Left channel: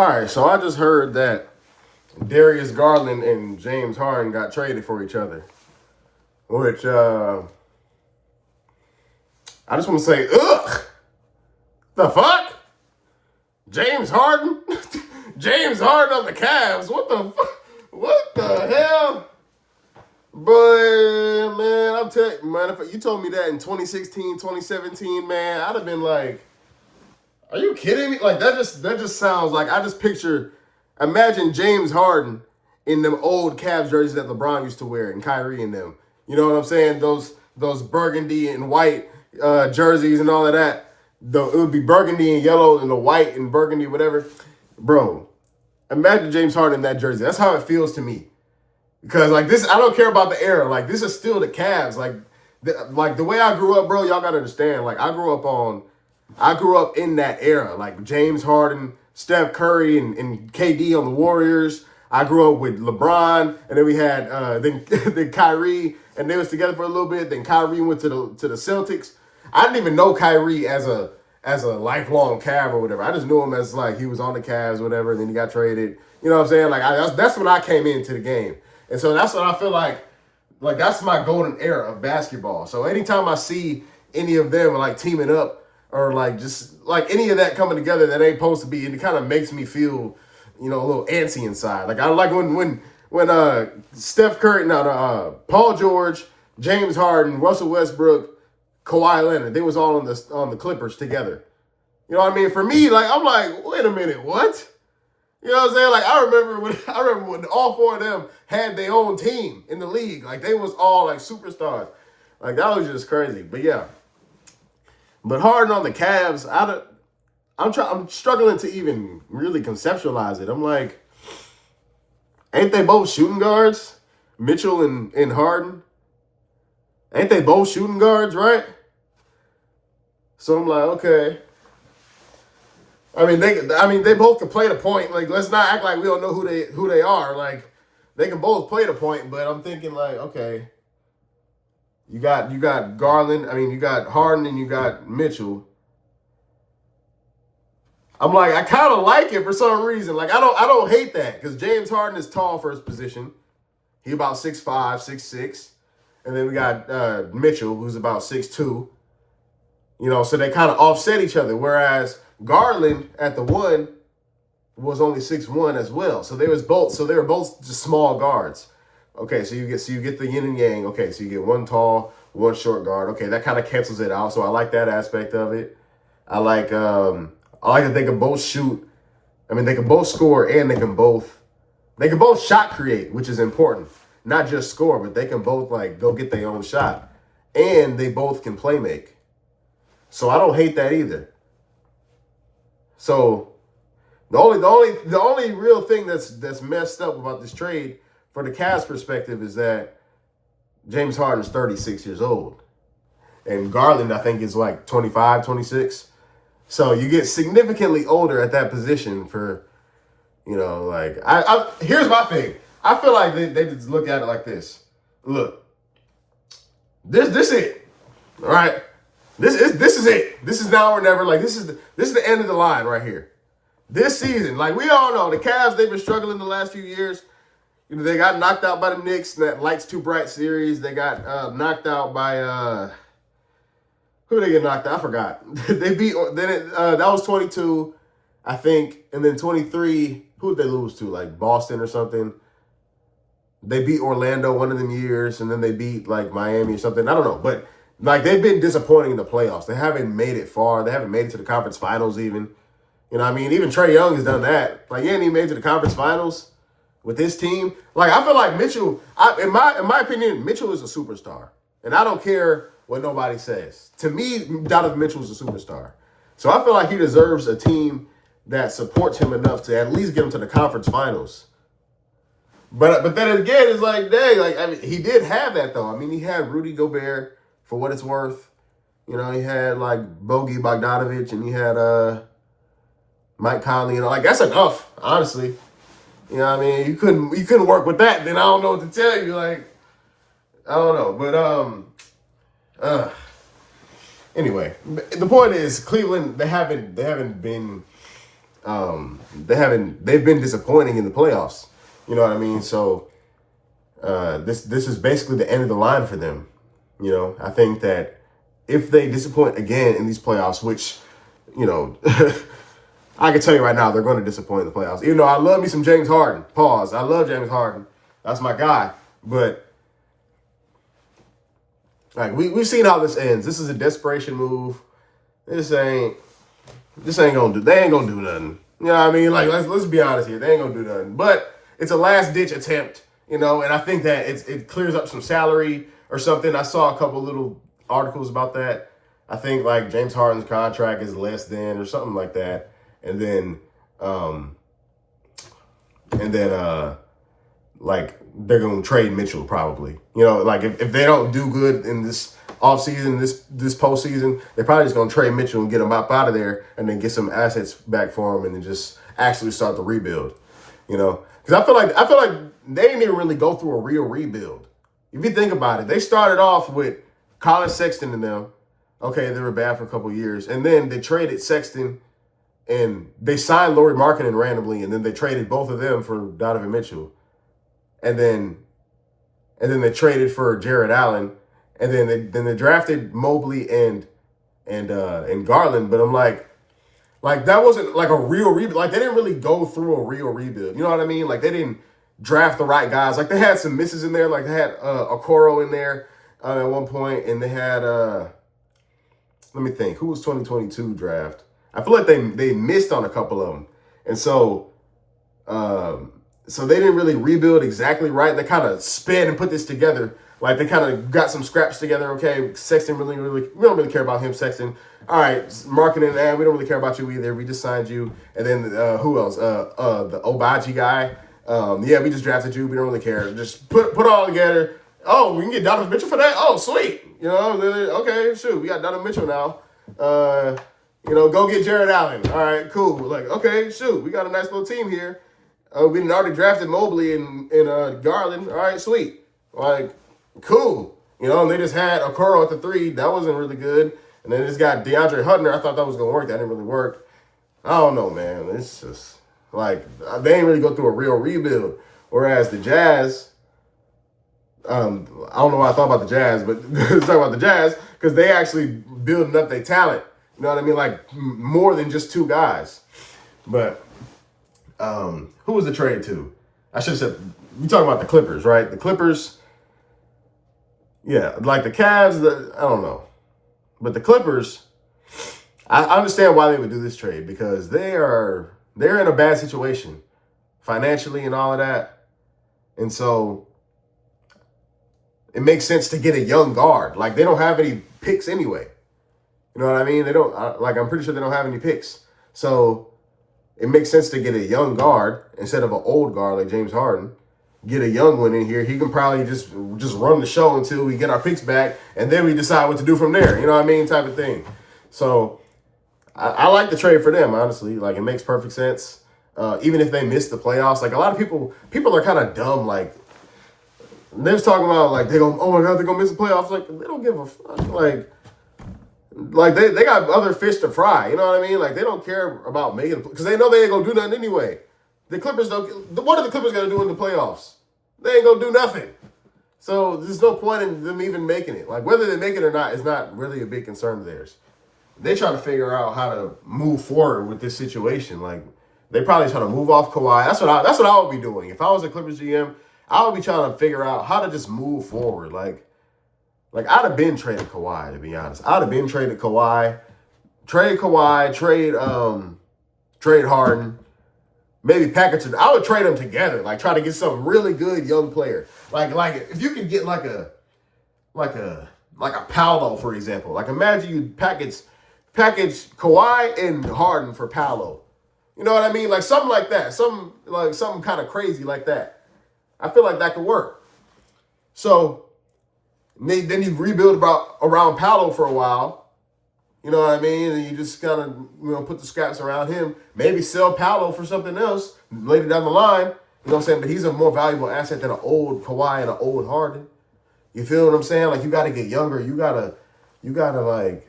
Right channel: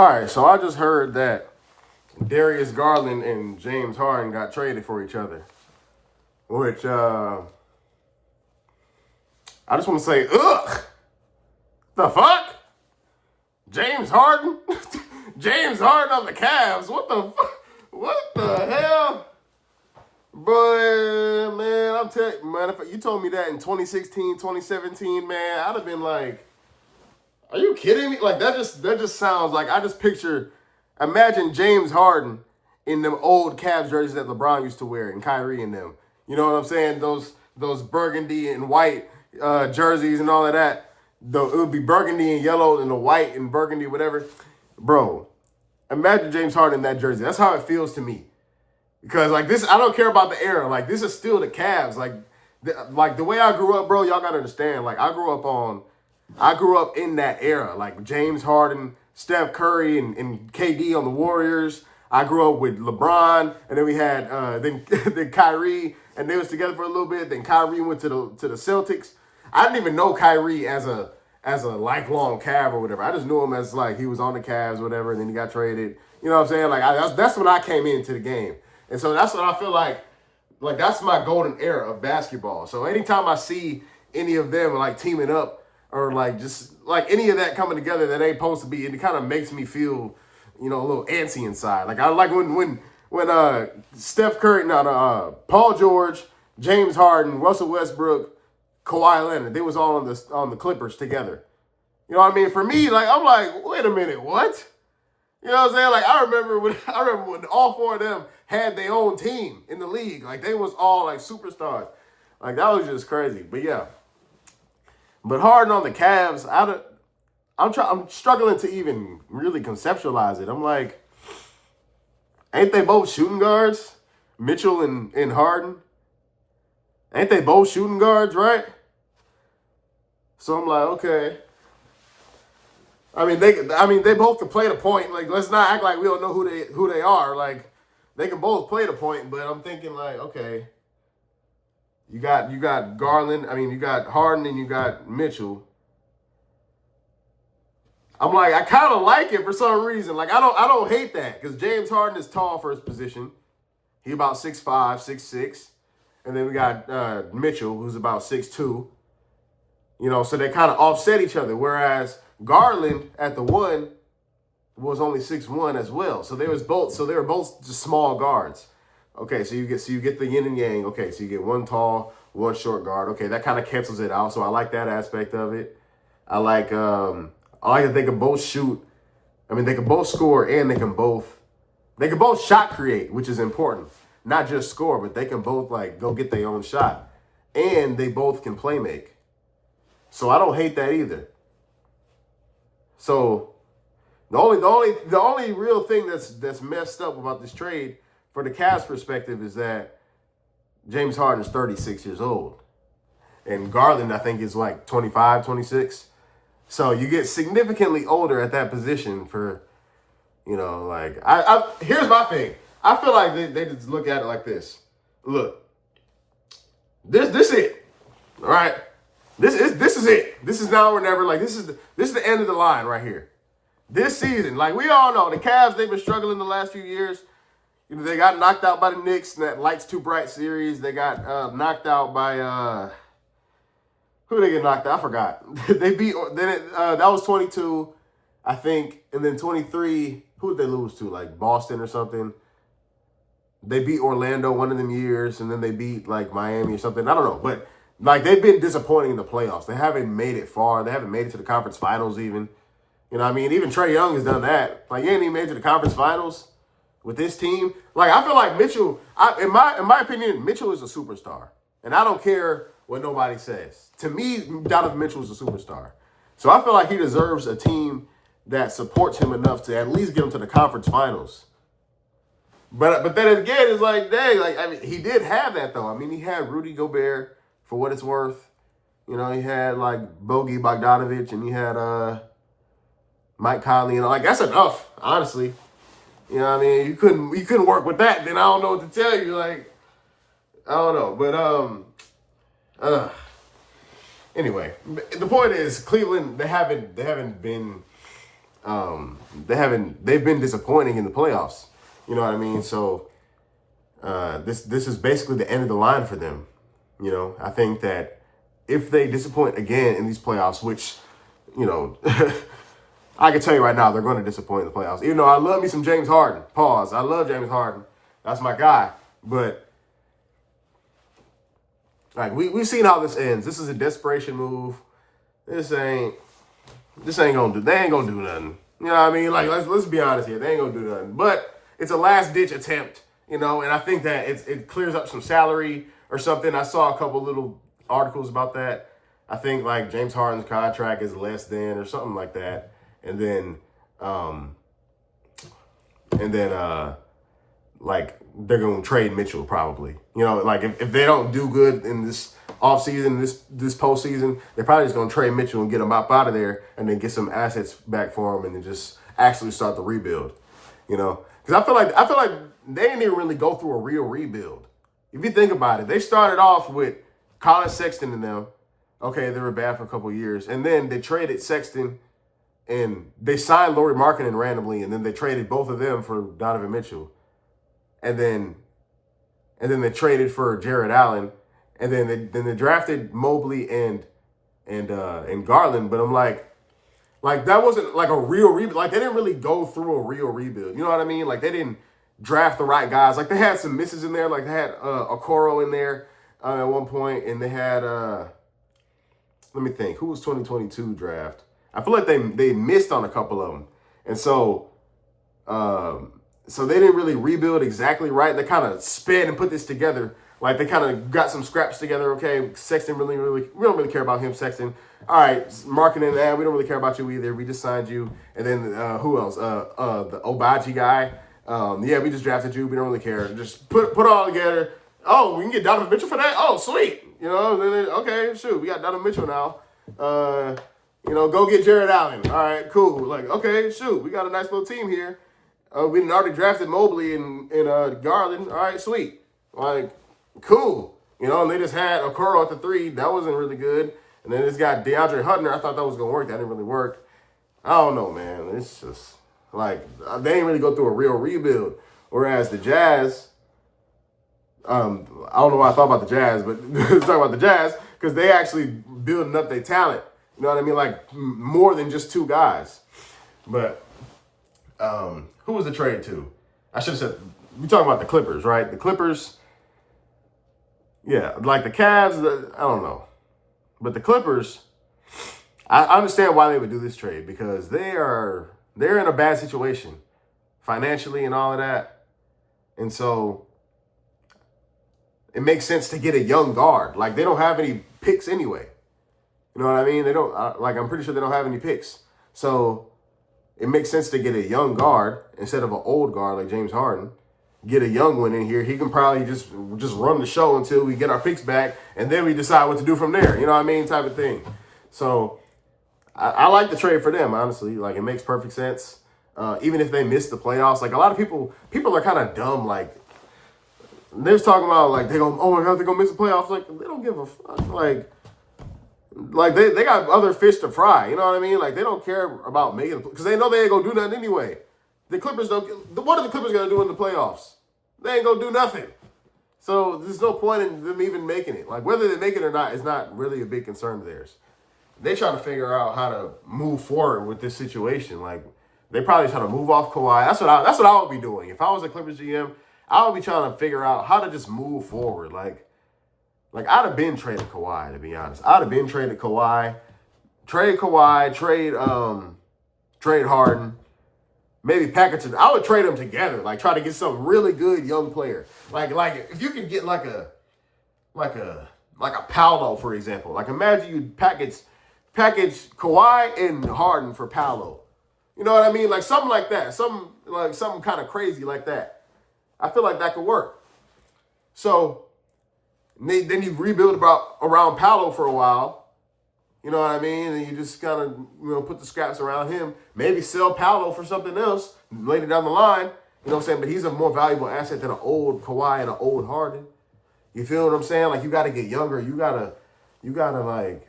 All right, so I just heard that Darius Garland and James Harden got traded for each other, which I just want to say, ugh, the fuck? James Harden? James Harden on the Cavs? What the fuck? What the hell? But, man, I'm telling you, man, if you told me that in 2016, 2017, man, I'd have been like, are you kidding me? Like, that just sounds like, I just picture, imagine James Harden in them old Cavs jerseys that LeBron used to wear and Kyrie in them. You know what I'm saying? Those burgundy and white jerseys and all of that. It would be burgundy and yellow and the white and burgundy, whatever. Bro, imagine James Harden in that jersey. That's how it feels to me. Because, like, this, I don't care about the era. Like, this is still the Cavs. Like the way I grew up, bro, y'all got to understand. Like, I grew up in that era. Like, James Harden, Steph Curry, and KD on the Warriors. I grew up with LeBron, and then we had then Kyrie, and they was together for a little bit. Then Kyrie went to the Celtics. I didn't even know Kyrie as a lifelong Cav or whatever. I just knew him as, like, he was on the Cavs or whatever, and then he got traded. You know what I'm saying? Like, that's when I came into the game. And so that's what I feel like that's my golden era of basketball. So anytime I see any of them, like, teaming up or, like, just, like, any of that coming together that ain't supposed to be, it kind of makes me feel, you know, a little antsy inside. Like, I like when Steph Curry, Paul George, James Harden, Russell Westbrook, Kawhi Leonard, they was all on the Clippers together. You know what I mean? For me, like, I'm like, wait a minute, what? You know what I'm saying? Like, I remember when all four of them had their own team in the league. Like, they was all, like, superstars. Like, that was just crazy. But, yeah. But Harden on the Cavs, I'm struggling to even really conceptualize it. I'm like, ain't they both shooting guards? Mitchell and Harden? Ain't they both shooting guards, right? So I'm like, okay. I mean, they both can play the point. Like, let's not act like we don't know who they are. Like, they can both play the point, but I'm thinking, like, okay, you got Garland. I mean, you got Harden and you got Mitchell. I'm like, I kind of like it for some reason. Like, I don't hate that because James Harden is tall for his position. He about 6'5", 6'6", and then we got Mitchell, who's about 6'2". You know, so they kind of offset each other. Whereas Garland at the one was only 6'1" as well. So they were both just small guards. Okay, so you get the yin and yang. Okay, so you get one tall, one short guard. Okay, that kind of cancels it out. So I like that aspect of it. I like that they can both shoot. I mean, they can both score and they can both shot create, which is important. Not just score, but they can both, like, go get their own shot. And they both can play make. So I don't hate that either. So the only real thing that's messed up about this trade for the Cavs perspective is that James Harden is 36 years old. And Garland, I think, is like 25, 26. So you get significantly older at that position for, you know, like, here's my thing. I feel like they just look at it like this. Look, this it, all right? This is it. This is now or never. Like, this is the end of the line right here. This season, like, we all know, the Cavs, they've been struggling the last few years. You know, they got knocked out by the Knicks in that Lights Too Bright series. They got knocked out by who did they get knocked out? I forgot. They beat that was 22, I think, and then 23. Who did they lose to? Like Boston or something. They beat Orlando one of them years, and then they beat, like, Miami or something. I don't know, but, like, they've been disappointing in the playoffs. They haven't made it far. They haven't made it to the conference finals even. You know what I mean? Even Trae Young has done that. Like, he ain't even made it to the conference finals with this team. Like, I feel like Mitchell, in my opinion, Mitchell is a superstar. And I don't care what nobody says. To me, Donovan Mitchell is a superstar. So I feel like he deserves a team that supports him enough to at least get him to the conference finals. But then again, it's like, dang, like, I mean, he did have that, though. I mean, he had Rudy Gobert, for what it's worth. You know, he had, like, Bogey Bogdanovic, and he had Mike Conley. You know, like, that's enough, honestly. You know what I mean? You couldn't work with that, then I don't know what to tell you. Like, I don't know. But, anyway, the point is, Cleveland, they haven't been they've been disappointing in the playoffs. You know what I mean? So this is basically the end of the line for them. You know, I think that if they disappoint again in these playoffs, which, you know, I can tell you right now, they're going to disappoint in the playoffs. Even though I love me some James Harden. Pause. I love James Harden. That's my guy. But like we've seen how this ends. This is a desperation move. This ain't gonna do. They ain't gonna do nothing. You know what I mean? Like let's be honest here. They ain't gonna do nothing. But it's a last ditch attempt. You know, and I think that it clears up some salary or something. I saw a couple little articles about that. I think like James Harden's contract is less than or something like that. And then like they're going to trade Mitchell probably. You know, like if they don't do good in this offseason, this postseason, they're probably just going to trade Mitchell and get him up out of there and then get some assets back for him and then just actually start the rebuild. You know, because I feel like they didn't even really go through a real rebuild. If you think about it, they started off with Colin Sexton and them. Okay, they were bad for a couple of years. And then they traded Sexton and they signed Lauri Markkanen randomly, and then they traded both of them for Donovan Mitchell. And then they traded for Jared Allen. And then they drafted Mobley and Garland. But I'm like that wasn't like a real rebuild. Like they didn't really go through a real rebuild. You know what I mean? Like they didn't draft the right guys. Like they had some misses in there. Like they had Okoro in there at one point, and they had let me think, who was 2022 draft? I feel like they missed on a couple of them, and so they didn't really rebuild exactly right. They kind of sped and put this together. Like they kind of got some scraps together. Okay, Sexton we don't really care about him. Sexton, all right, Marketing, we don't really care about you either. We just signed you, and then who else? The Obaji guy. We just drafted you. We don't really care. Just put it all together. Oh, we can get Donovan Mitchell for that? Oh, sweet. You know, okay, shoot. We got Donovan Mitchell now. Go get Jared Allen. All right, cool. Like, okay, shoot. We got a nice little team here. We already drafted Mobley and Garland. All right, sweet. Like, cool. You know, and they just had Okoro at the 3. That wasn't really good. And then it's got DeAndre Hunter. I thought that was going to work. That didn't really work. I don't know, man. It's just... like, they ain't really go through a real rebuild. Whereas the Jazz, I don't know why I thought about the Jazz, but let's talk about the Jazz, because they actually building up their talent. You know what I mean? Like, more than just 2 guys. But who was the trade to? I should have said, we talking about the Clippers, right? The Clippers, yeah, like the Cavs, I don't know. But the Clippers, I understand why they would do this trade, because they're in a bad situation financially and all of that. And so it makes sense to get a young guard. Like, they don't have any picks anyway. You know what I mean? They don't, I'm pretty sure they don't have any picks. So it makes sense to get a young guard instead of an old guard like James Harden. Get a young one in here. He can probably just run the show until we get our picks back, and then we decide what to do from there. You know what I mean? Type of thing. So I like the trade for them, honestly. Like, it makes perfect sense. Even if they miss the playoffs. Like, a lot of people are kind of dumb. Like, they're just talking about, like, oh my God, they're going to miss the playoffs. Like, they don't give a fuck. Like they got other fish to fry. You know what I mean? Like, they don't care about making it, because they know they ain't going to do nothing anyway. The Clippers don't. What are the Clippers going to do in the playoffs? They ain't going to do nothing. So there's no point in them even making it. Like, whether they make it or not is not really a big concern of theirs. They trying to figure out how to move forward with this situation. Like, they probably trying to move off Kawhi. That's what I would be doing. If I was a Clippers GM, I would be trying to figure out how to just move forward. Like I'd have been traded Kawhi, to be honest. I'd have been traded Kawhi. Trade Kawhi, trade Harden. Maybe package it. I would trade them together. Like, try to get some really good young player. Like if you could get like a Paolo, for example. Like, imagine you package Kawhi and Harden for Paolo. You know what I mean? Like, something like that. Something kind of crazy like that. I feel like that could work. So then you rebuild around Paolo for a while. You know what I mean? And you just kind of, put the scraps around him. Maybe sell Paolo for something else later down the line. You know what I'm saying? But he's a more valuable asset than an old Kawhi and an old Harden. You feel what I'm saying? Like, you got to get younger. You gotta like,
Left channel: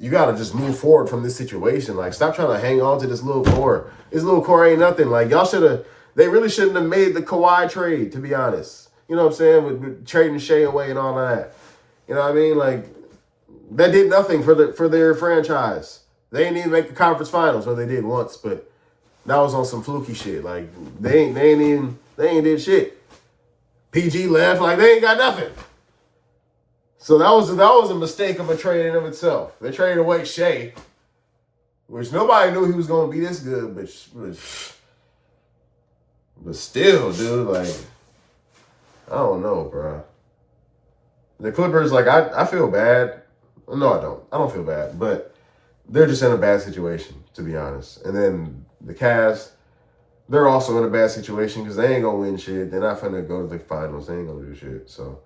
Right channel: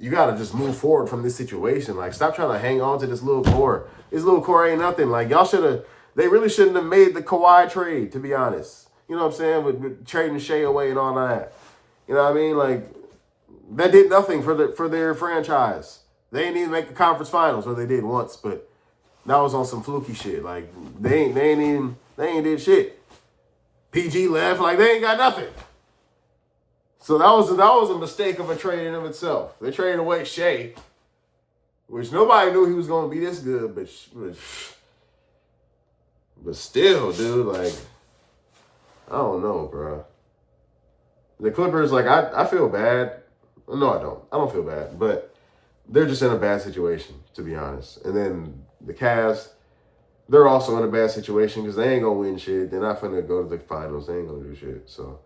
you got to just move forward from this situation. Like, stop trying to hang on to this little core. This little core ain't nothing. Like, they really shouldn't have made the Kawhi trade, to be honest. You know what I'm saying? With trading Shea away and all that. You know what I mean? Like, that did nothing for their franchise. They didn't even make the conference finals, or they did once, but that was on some fluky shit. Like, they ain't did shit. PG left, like, they ain't got nothing. So that was a mistake of a trade in of itself. They traded away Shea, which nobody knew he was going to be this good, but still, dude, like, I don't know, bro. The Clippers, like, I feel bad. No, I don't. I don't feel bad, but they're just in a bad situation, to be honest. And then the Cavs, they're also in a bad situation because they ain't going to win shit. They're not finna go to the finals. They ain't going to do shit, so.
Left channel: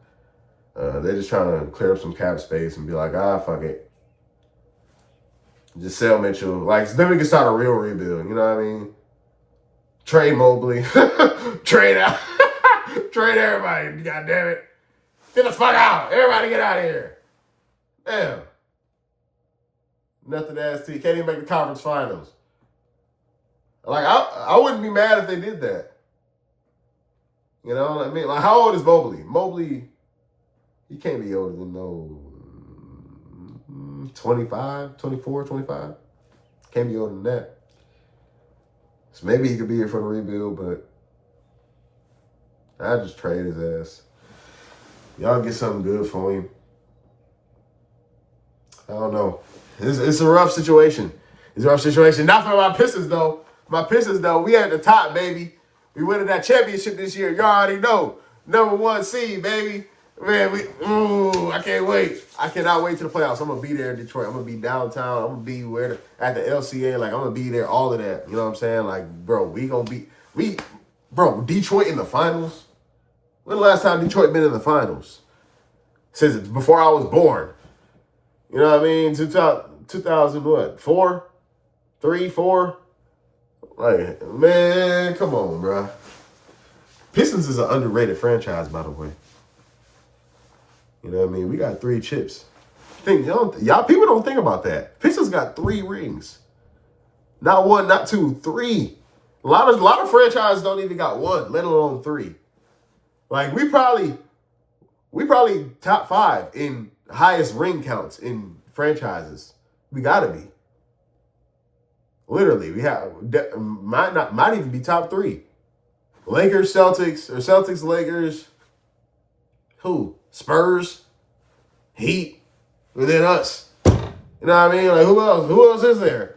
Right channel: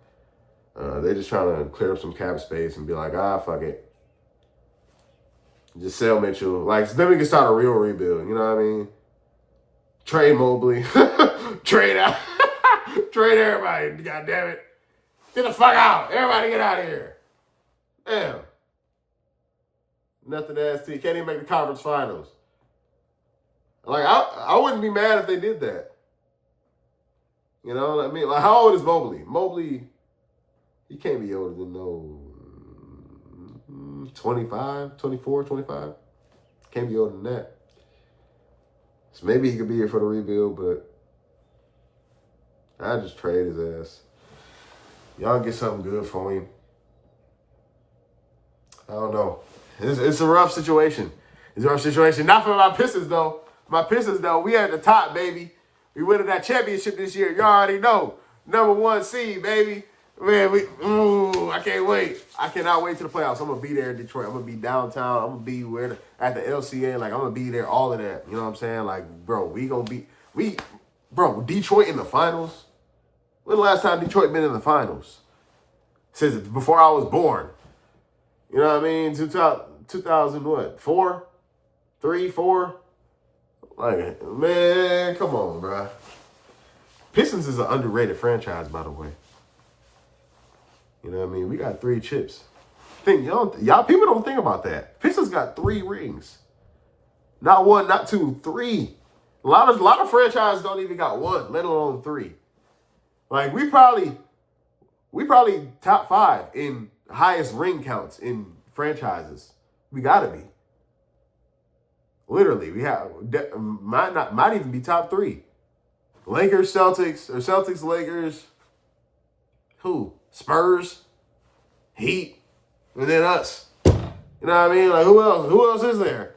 They're just trying to clear up some cap space and be like, fuck it. Just sell Mitchell. Like, then we can start a real rebuild. You know what I mean? Trade Mobley. Trade out. Trade everybody. God damn it. Get the fuck out. Everybody get out of here. Damn. Nothing to ask to. You can't even make the conference finals. Like, I wouldn't be mad if they did that. You know what I mean? Like, how old is Mobley? Mobley... He can't be older than 25, 24, 25. Can't be older than that. So maybe he could be here for the rebuild, but I just trade his ass. Y'all get something good for him. I don't know. It's a rough situation. It's a rough situation. Not for my Pistons, though. My Pistons, though, we at the top, baby. We winning that championship this year. You already know. Number 1 seed, baby. Man, I can't wait. I cannot wait to the playoffs. I'm going to be there in Detroit. I'm going to be downtown. I'm going to be at the LCA. Like, I'm going to be there, all of that. You know what I'm saying? Like, bro, Detroit in the finals? When the last time Detroit been in the finals? Since before I was born. You know what I mean? 2000 what? 4? 3, 4? Like, man, come on, bro. Pistons is an underrated franchise, by the way. You know what I mean? We got 3 chips. Y'all people don't think about that. Pistons got 3 rings. Not 1, not 2, 3. A lot of franchises don't even got 1, let alone 3. Like, we probably top 5 in highest ring counts in franchises. We gotta be. Literally, we have might even be top 3. Lakers, Celtics, or Celtics, Lakers. Who? Spurs, Heat, and then us. You know what I mean? Like, who else? Who else is there?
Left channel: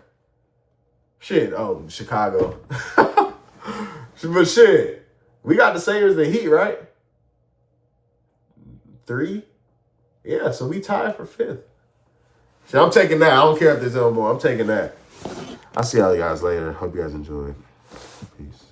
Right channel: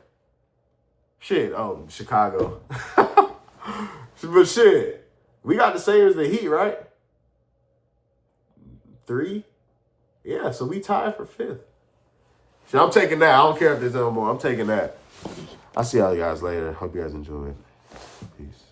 Shit. Oh, Chicago. But shit, we got the same as the Heat, right? 3? Yeah, so we tied for 5th. Shit, I'm taking that. I don't care if there's no more. I'm taking that. I'll see y'all guys later. Hope you guys enjoyed. Peace.